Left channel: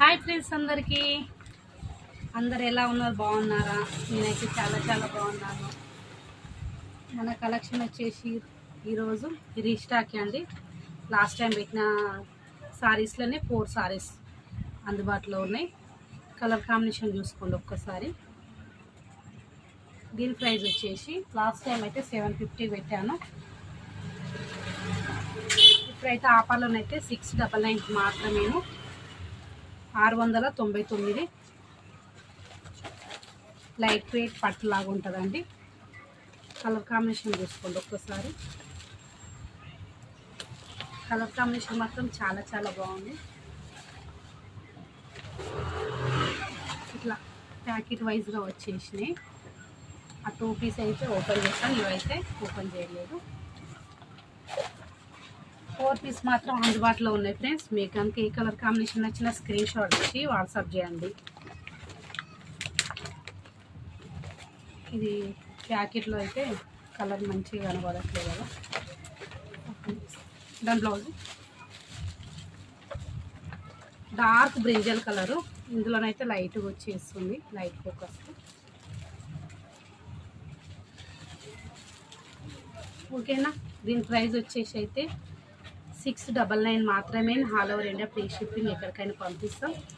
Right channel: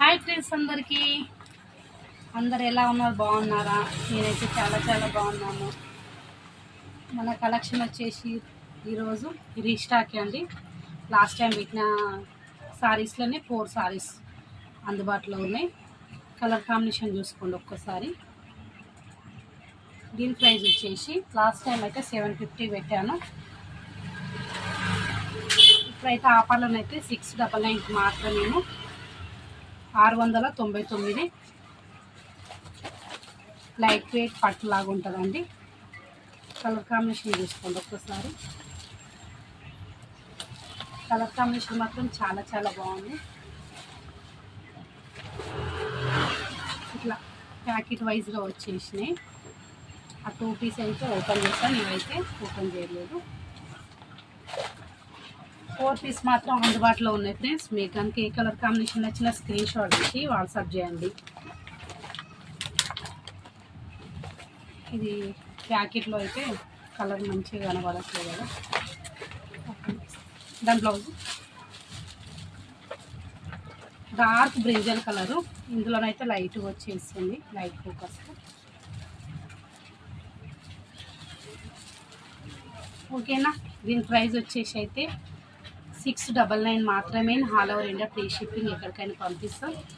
Hi friends అందరికీ అందరు ఎలా ఉన్నారు? బాగున్నారా? నేనైతే చాలా చాలా బాగున్నాను. మన కలెక్షన్ వచ్చేసి ఈరోజు రీస్టాక్ అండి. లాస్ట్ టైం పెట్టిన సారీస్లోనే 4 సారీస్ అందుబాటులో ఉన్నాయి. కలర్ కాంబినేషన్ చూసుకోండి ఒక్కసారి. దీని ప్రైస్ వచ్చేసి లాస్ట్ టైం అయితే 750 పెట్టాను. ఇప్పుడైతే ఆఫర్లోనైతే 699 మాత్రమేమో 699. లైట్ వెయిట్ పట్టు లాగా ఉంటుందండి. కలర్ కాంబినేషన్ చూసుకోండి ఒక్కసారి. కలర్ కాంబినేషన్ మాత్రం చాలా చాలా బాగుంది. ఇట్లా ప్యాకెట్ వైజ్గా వచ్చేసినాయి. ఆ 2 పీస్ అయితే ఓపెన్ చేస్తాను, ఇవైతే ఓపెన్ చేయలేదు. 4 పీస్ మాత్రం అందుబాటులో ఉన్నాయి ఫ్రెండ్స్. మీకు కనుక ఏ కలర్ కాంబినేషన్ నచ్చిన స్క్రీన్ షాట్ ఇచ్చి వాట్సాప్ చేయండి. ఇది ప్యాకెట్లో అయితే కలర్ మంచిగా కనబడట్లేదు కదా. దాని బ్లౌజ్ డార్క్ బ్రింజల్ కలరు, ఇందులోనైతే లైట్గా వచ్చేస్తుంది, లైట్ ఫోకస్. ఓకేనా? దీని ప్రైస్ వచ్చేసి అయితే 699 మాత్రమే. All over India free shipping, ఎక్కడికైనా పంపిస్తాం.